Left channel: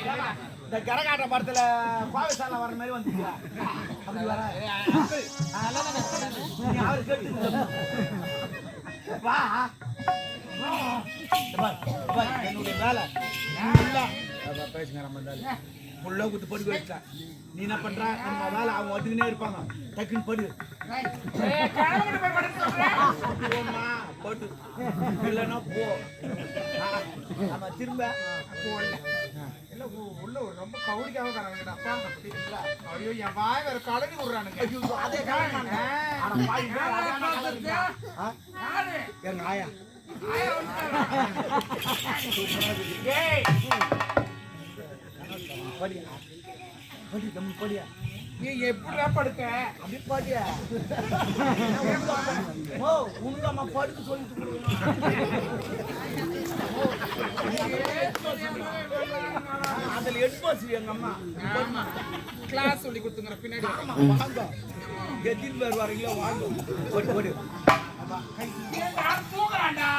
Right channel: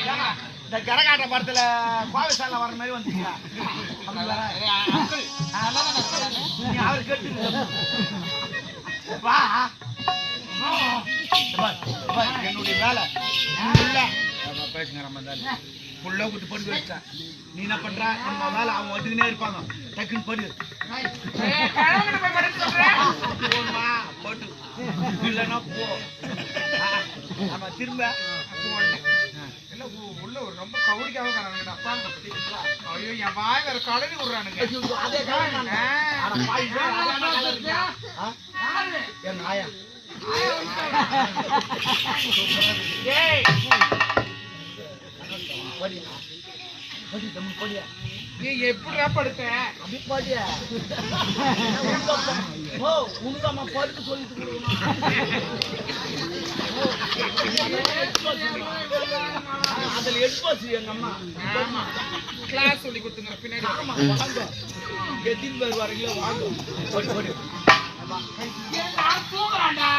இந்த கரகாட்ட படத்துல கோவிசால வர மாதிரி வந்துச்சியா அவர் கேட்டு வா என்னுடைய வேலை பேசுங்க புள்ள குத்து படுக்க வச்சேன் நீ என்ன பண்ற நம்ம வேலை அவங்க வந்துக்கினே இருப்பாங்க டக்குன்னு படு போமா போட்டு இல்லைன்னா போ ஆமா திரும்ப இல்ல உள்ள ஒரு ரொம்ப கவுடிக்காக காணுங்க அப்பா ஐயோ என் வாய் வேற கலவி விடுறானுங்க என் நாயா எப்படியா படுத்த அப்படி பாடியா உனக்கு அம்மா படுக்க சொல்லிட்டு அதுல எடுப்பாச்சு எங்க அம்மா கிளாஸ் சொல்லி கொடுத்துங்க பின்னாடி வாங்க எத்தனை பேர் வரீங்களோ வாங்க தூங்குறாண்டா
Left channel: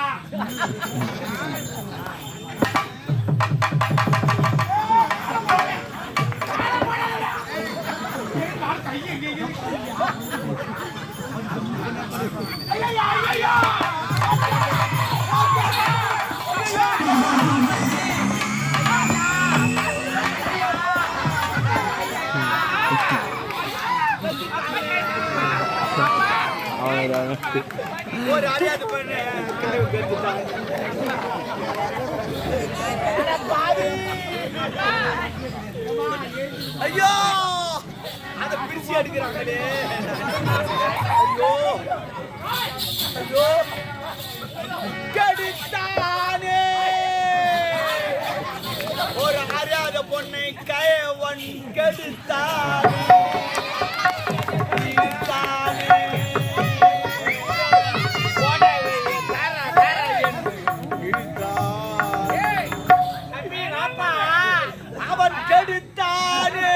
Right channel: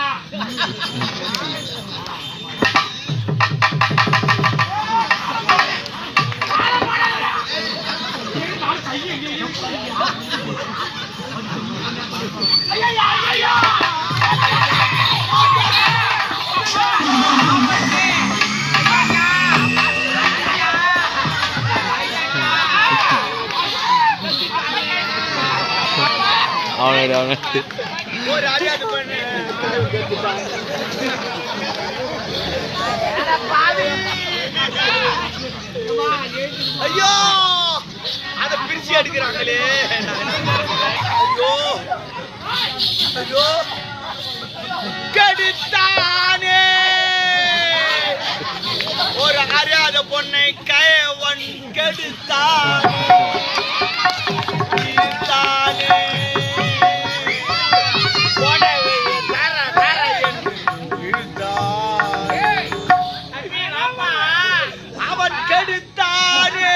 ஐயோ அத பிரிச்சு எடுக்கிறாங்களே ஐயோ ஐயோ கெடுத்தானே ஒரு அறியாத பொண்ணை கயவன் கெடுத்தானே அவன் கெடுத்தானே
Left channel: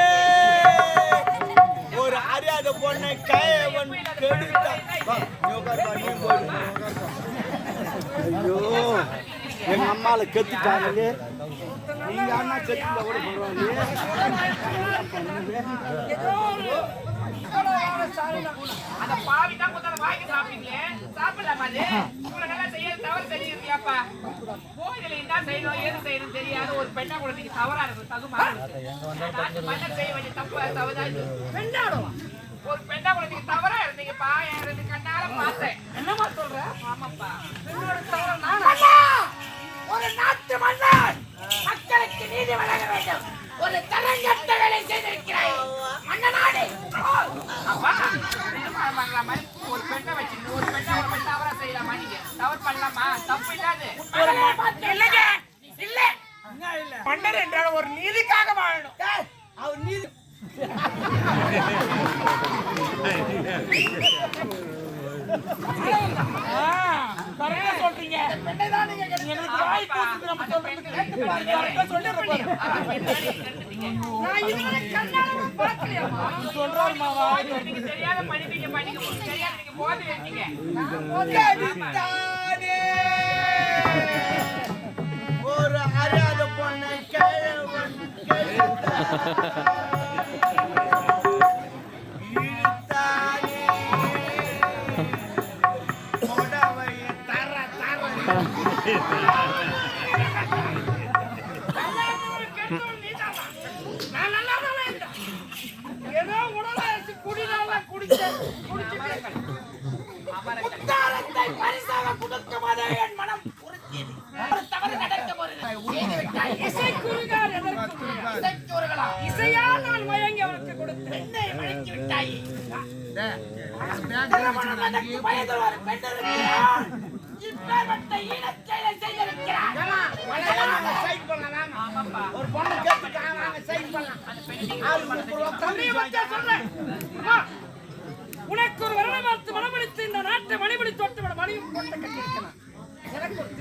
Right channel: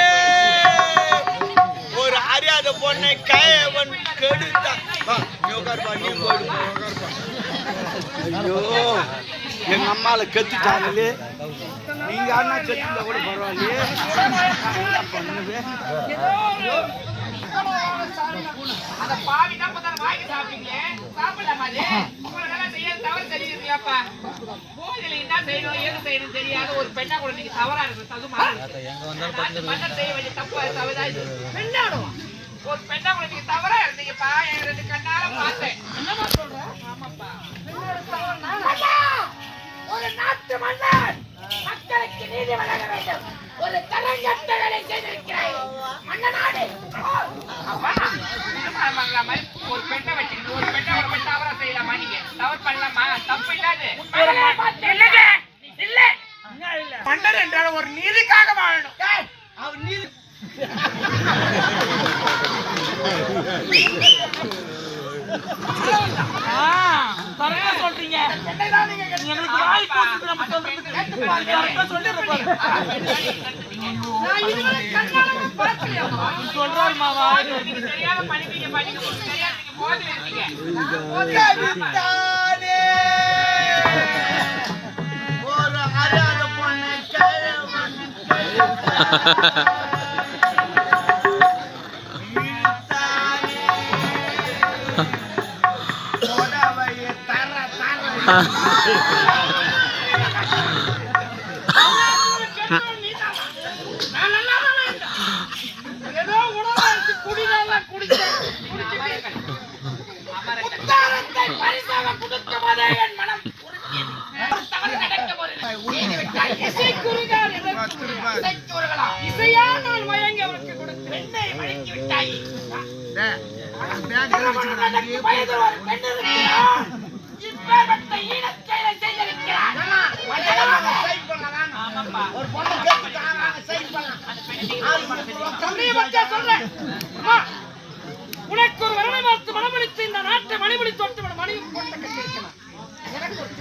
ஒரு அறியாத பொண்ணை கயவன் கெடுத்தான் ஐயோ எங்க அம்மால கெத்துட்டாங்களே நீங்க அண்ணா கெத்துல கூட பரவாயில்லையே என்ன பண்ணுவேன் அந்த பாவி தான் கொஞ்சம் வாங்கி சாப்பிட்டீங்களே சாப்பிடலாமா உங்களை நல்லா செய்ய தவறு தெரியுதுப்பா கோயில என்ன செய்யணும் ஏது செய்யணும் தெரியாத ஒரு பெண்ணா கூட நீங்க தவறா இருக்கு தகுமா மன்னர் செய்ய வேண்டிய தப்பு தவறா பெண்ணாடும் ஒரு பெண்ணா கூட நீங்க தவறா இருந்தீங்கப்பா என் ரெண்டு கண்ணால பார்த்தேன் என்னமா சொல்ற ஆமாப்பா பெண்ணோட தவறு நான் ஒரு நாட்டு மன்னர் மக்களுக்கு நீதி வழங்க வேண்டும் ஒரு தரங்கட்ட வேலை செய்திருக்கிறாய் மன்னனாடு அப்பா இந்த மாதிரி ஒரு பெண்ணை வச்சுக்கிட்டு ஒரு பெண்ணை ஒரு பெண் தவறா செய்யலாமா நீங்க தவறு பண்ணலாமா தப்பு இல்லாது இல்லைங்க இல்ல மன்னர் என்றால் ஒரு நீதிக்காக வாழணும் அவர் நீதி கரெக்டா சொல்றீங்க எங்களுக்கு வாய் போட்டு நம்ம சொல்றது கரெக்டா சொல்லிடுற சொல்றாரு மாவா தெரியாத படிப்பீங்க படிக்க தெரியாது நீங்க போதில இருக்கீங்க ஒரு அறியாத பொண்ணை ஏதோ உணவு குடிகால குடிச்சேன் பரிசாக கொடுக்க போதே என் மனம் தவறு நடக்க இசையா நான் மயங்கி அவருக்கு கொடுத்து பெண்ணை மயங்கி விட்டாய் உனக்கு ஒரு வரவை பார்த்து மனமளித்து இந்த நாட்டை மணிமணி தோட்ட மணி போட்ட கட்டிருக்கலாம்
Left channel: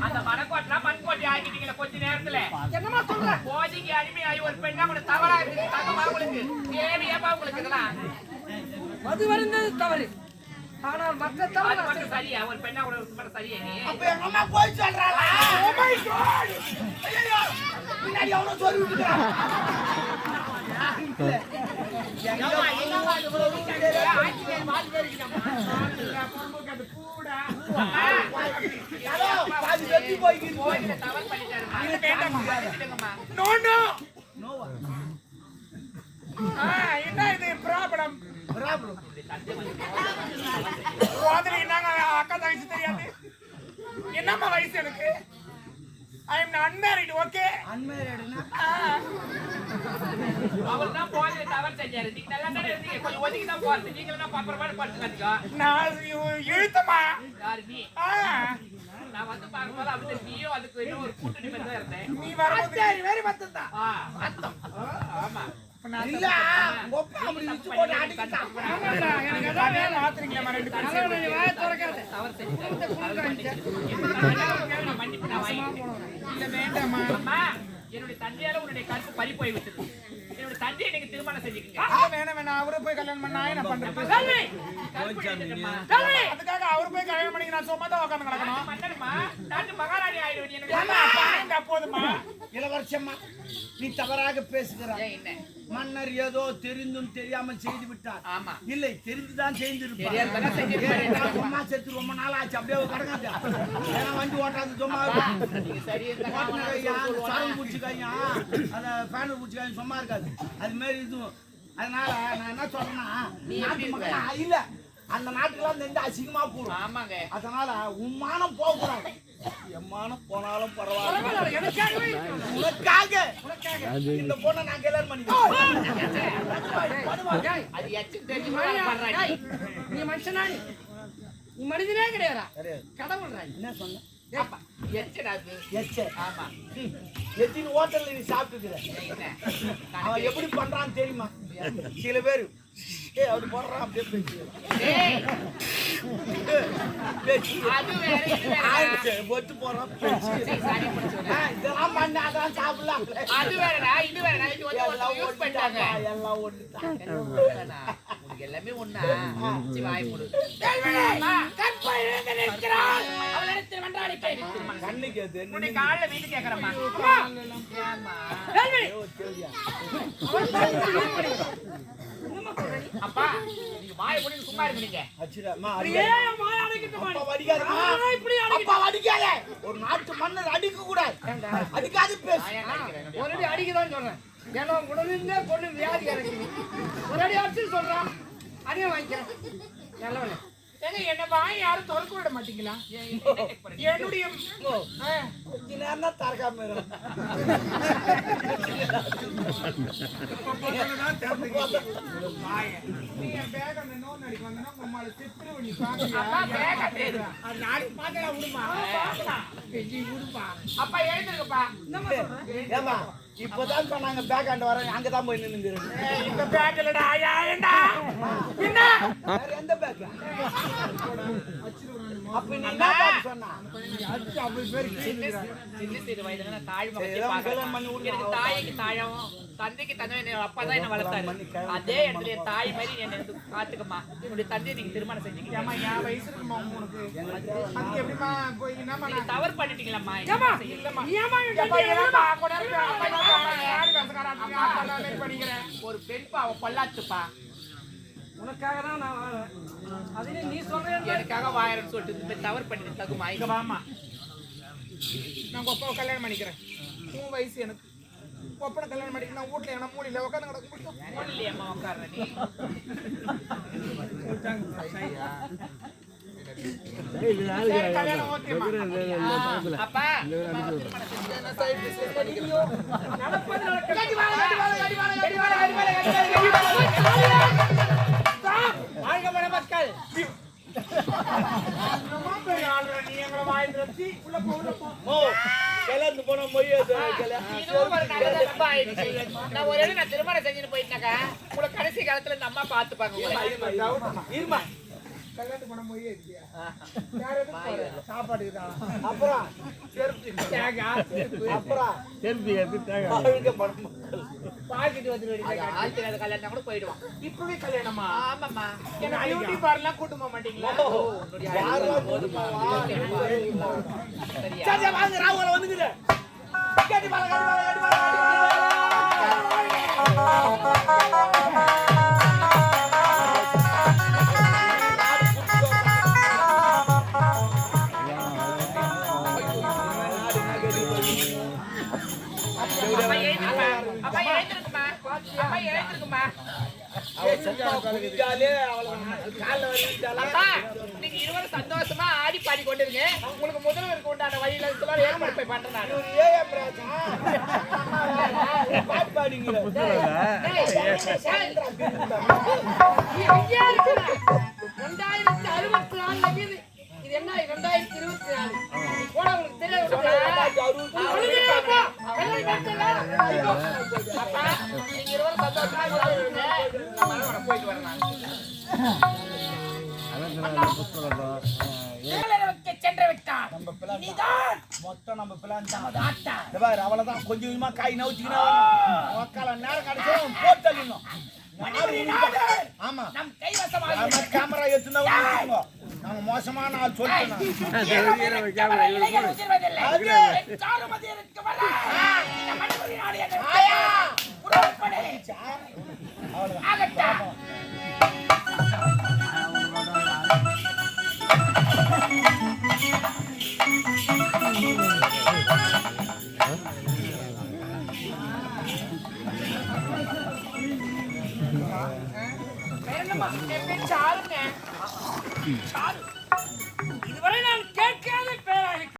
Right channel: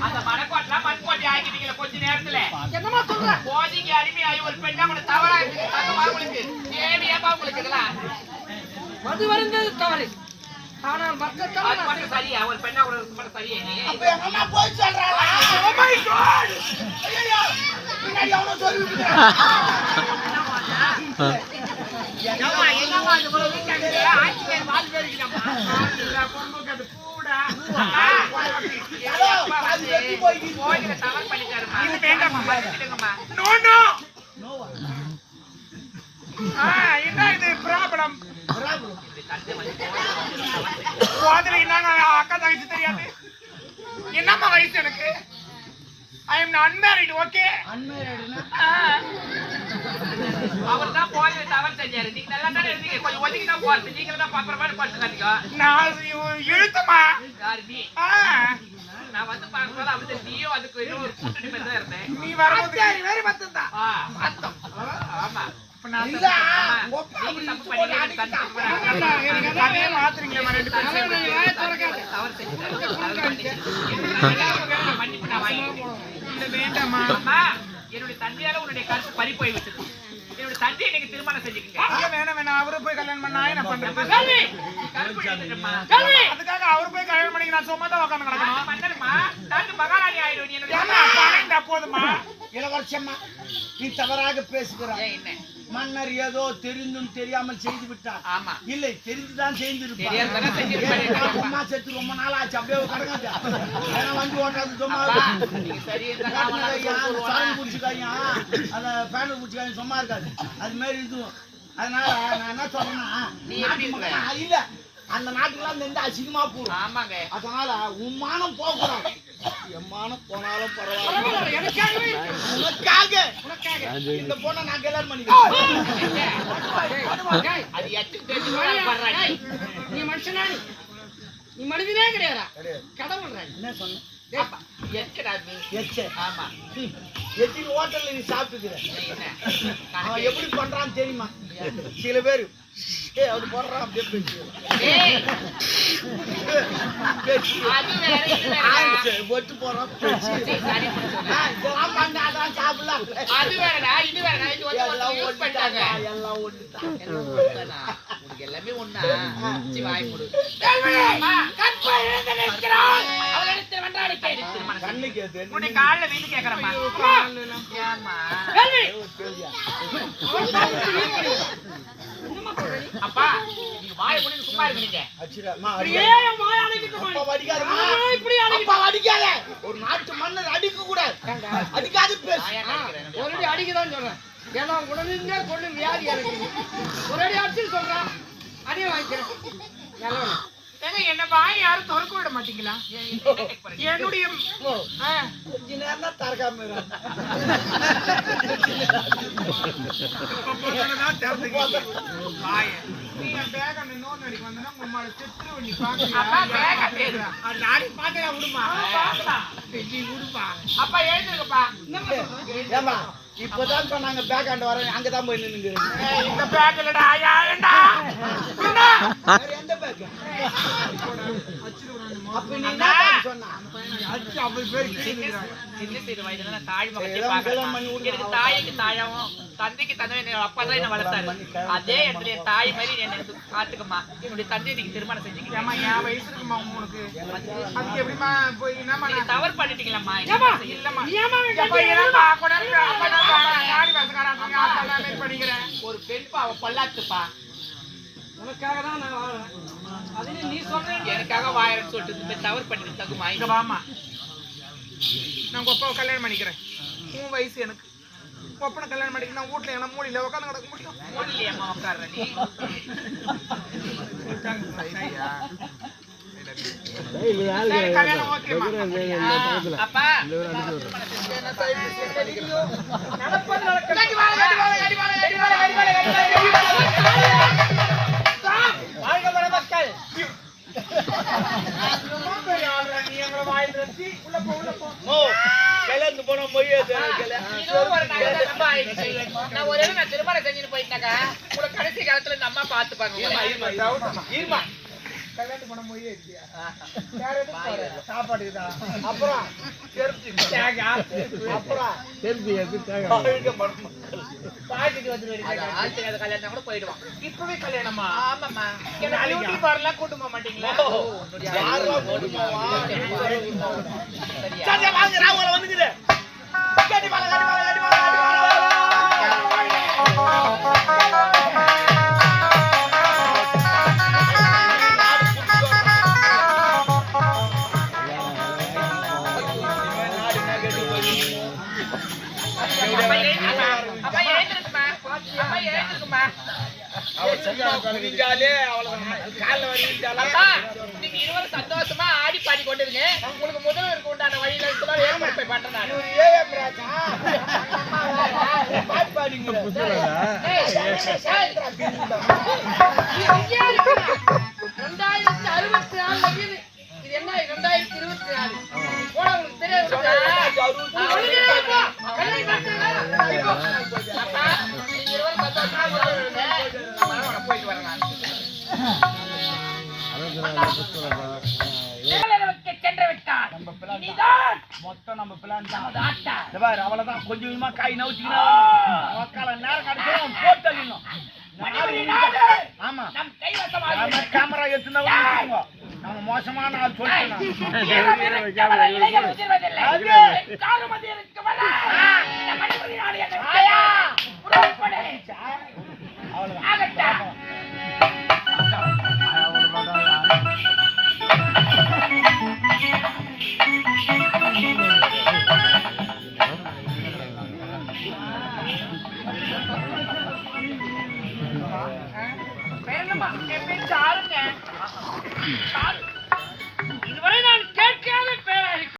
அந்த மனக்கோட்டெல்லாம் மண்கோட்டை ஆகிட்டீங்களா கொஞ்ச நேரத்துல என்னமா சொல்ற போதிக்கு அடிமையாகி ஒரு பெண்ணா கூட தவறா இருக்கு தகவல் உங்களுக்கு தேவையாப்பா உங்களுக்கு இதெல்லாம் மது வருந்தது தவறு ஆனால் மற்ற தவறு சரியா ஒரு பெண்ணா கூட மட்டும் சரியா நீ அப்ப எங்க அம்மா போய் சொல்றாளா ஓ மை காட் ஐயோ பின்னாடி அவனும் சொல்லி விட்டுக்கிறான். என்னம்மா இது இவ்வளவு வீக்காங்க? ஆட்சிக்கார வால் பேரிக்கலாமா? அது கூட அது வெட்டி போய்க்கிட்டு போய் தவறு பண்ணிட்டாருமா. இது வேண்டாமா? மன்னிச்சிடுங்கம்மா. நோ நோ நோவா என்ன இது ப்ராப்ளம்? அதுல என்னங்க அக்கா தங்கச்சி தெரியாது. என்னம்மா வயசு எனக்கு? I am unmarried. ஓகே அவர்தான் போய் தவறு செஞ்சாரு. நீங்க நல்லா தானே இருந்தீங்க. கொஞ்சம் ஒதுக்கி தான் போறது. நீங்க தான் பாப்பற மாதிரி படுத்துக்காதீங்க. நான் இழுத்தமா யாரு நீ? நான் வந்து பார்க்கும்போது அப்படி நீயோ அதுக்கு ஏதோ ஒரு கூட்டணி மாதிரி தான் இருந்தேன். நீ வரும்போது வேற மத்தம் பார்த்தோம். ஆமா. இல்ல எனக்கு அதே மாத்துறீங்களா ரெண்டு பேரும் தவறு செஞ்சாரு. மன்னிப்பு நான் வாங்கிக்கிறேன். இல்ல வேண்டாமா? அம்மா, என்னுடைய தந்தையால உன்னுடைய கருத்து பறி போய் விட்டது. என்னுடைய தந்தையை நீங்க திருமணம் செஞ்சுக்கீங்க. வேணாம் அவரு போய் கல்யாணம் பண்ணா என்ன பண்றது? கருப்பு எடுத்துட்டேம்மா. அதுக்காக அவரு போய் கல்யாணம் பண்ணி நான் சும்மா தான் உட்காந்து கிடக்கணும். பண்ணணுமா? நான் மகாராணி ஆயிடுவேன். என்னுடைய அப்பானே இந்த அப்போதுமா இளவரசம்மா நீ தவறாக பேசுகிறாய். என்ன மன்னர் ஏதோ தெரிந்தும் தெரியாமல் செய்து விட்டார். ஆமா. இல்லை தெரிந்துதான் செய்திருப்பார். தெரியாதவனா செஞ்சிருப்பாரு. அம்மா செத்து ரொம்ப நாள் ஆச்சு. அப்படியே கடங்க வண்டி ஓட்டாது சும்மா நீங்க சரி இருந்தா சாமி குடிச்சுக்காயும் அத பேனல் குடிச்சுக்காயும் சும்மா இருக்காது. அது மாதிரி இதுவும் அதனால நான் என்ன சொல்றேன்னா இல்ல அந்த நாட்டுக்குலாம் நின்று அசிங்கமா போடும். ஆமாங்க. அதனால உன் மானம் போகக்கூடாது. என் மானம் போனாலும் பரவாயில்ல. உனக்காக இந்த பொண்ணை நான் கல்யாணம் பண்ணிக்கிறேன். அது எச்சும் தெரிஞ்சு நீ மனுஷனா? நீ மனிதனே கிடையாதா? கடவுள் என்ன சொன்ன? ஆமா. எத்தனை ஹோட்டல்ல நீ சாப்பிட்டுக்கிற? அவன் எப்படி பண்றான்னு தெரியுமா? சில பேரு அப்படி போடுறான் அப்படியே ஒட்டு போறான் இதெல்லாம் பண்ண அதெல்லாம் சாப்பிடலாம். அது வேறடா இது வேறடா. இது எல்லாம் பண்ணிட்டாங்க. எல்லாம் ஒட்டுதான். எல்லாமே ஒண்ணா வாய் மூடு. கண்ணுக்கு எது? உன்னை காலைல வீட்டு கேக்குறமா? ஏமா அப்பா நீங்க வாயை மூடி சும்மா இருங்க. ஒரு நாட்டு மன்னர் அடிக்க கூடாது. அடிக்காது பேசு. ஒரு அடி அடிக்கதான் சொல்றேன். ஏன்னா உடனே கொண்டு வியாதி எனக்கு ஒரு அடி அடிச்சு சொல்றேன். அதே வாங்கிக்கிறேன். நல்லவன என்ன வாய் யாரும் திறக்க விட மாட்டீங்களா? என்னுடைய கொஞ்ச நேரம் தான் திறக்காம அப்பா எழுந்திருக்கப்பா. இப்பதான் சொன்னாங்க பேக் ஆண்டு வரேன். அங்கதான் போய் நின்று இந்த பேக் இல்லடா. எந்த பேக்? அப்ப நீ என்ன சொன்னா? தாய்க்கு தாழவும் தந்தைக்கு தந்தை அப்பா தான் என்ன வளர்த்தாரு. அதே இடத்துல என் தாய் மாதிரி என்ன பாத்துக்கமா. என்னுடைய தந்தையை நீங்க திருமணம் செஞ்சுக்கலாம். என் வயசு இருக்குமா உனக்கு? அதுக்கு எப்படிமா போய் என்னமா நீங்க தவறு பண்ணிட்டீங்களம்மா. ஒரு பெண்பா அவ பல்லாத்துப்பா. உனக்காக தான் நான் வாழறேன். அதுல நீ சொல்ற எனக்காக வாயறன்னு சொல்லிட்டு இந்த தவறு பண்ணிட்டு தகுமா? இங்க வாமா. நான் ஒப்பாவை கல்யாணம் பண்ணிக்கிறேன். உன் வயசு எனக்கு. ஒப்பனை கல்யாணம் பண்ணிக்க நான் வீட்டுல என்ன மூலில உட்காந்து கிடக்க முடியும்? மூலியம்மா உட்கார்ற நீ. கல்யாணம் ஓகேமா? அப்பா நடப்பது நடக்க நான் திருமணம் செஞ்சுட்டு போயிட்டாக்கா உங்களை கடைசி காலத்துல இந்த அம்மா பாத்துப்பாங்க. கல்யாணம் பண்ண மொழியே இல்லையா? சாப்பாடு அப்புறம் கல்யாணம் கூட போயிடுவான். இப்பவே கல்யாணமா? ஆமாம்மா. பியூட்டி பார்லர் கூட்டு போக மாட்டீங்களா? சரியா? வந்துக்குது கட்டி பால கட்டி பால கட்டி பால கட்டி அப்பா எழுந்திருக்குமா அப்பா எழுந்திருக்குமா நீங்க இருவரும் சந்தோஷமா ஆடி பாடி கொண்டிருங்க உங்களுக்கு முதல்வருக்கு உண்டான வழியில ஏற்பாடு போய் பண்றேன் நான் பாட்டு பாடிங்க 2064 இது என்ன 2024 போனா உங்களுக்கு தெரியாது நீங்க இருவரும் சந்தோஷமா போயிட்டு வரலாம் சென்று விட்டான் மொத்தம் நம்ம பிளான் தான் அவ்வளவுதான் கொஞ்சம் கொஞ்சமா காய் நவுச்சிக்கணும் நேரம் கிடைச்சோம் போட்டு தள்ளிடணும் ஆமா நம் கைவசமாக கேமரா எடுத்துனா நாங்க மோசமான ஆள் சொல்லிட்டோம் இதுவரை நான் கேட்காத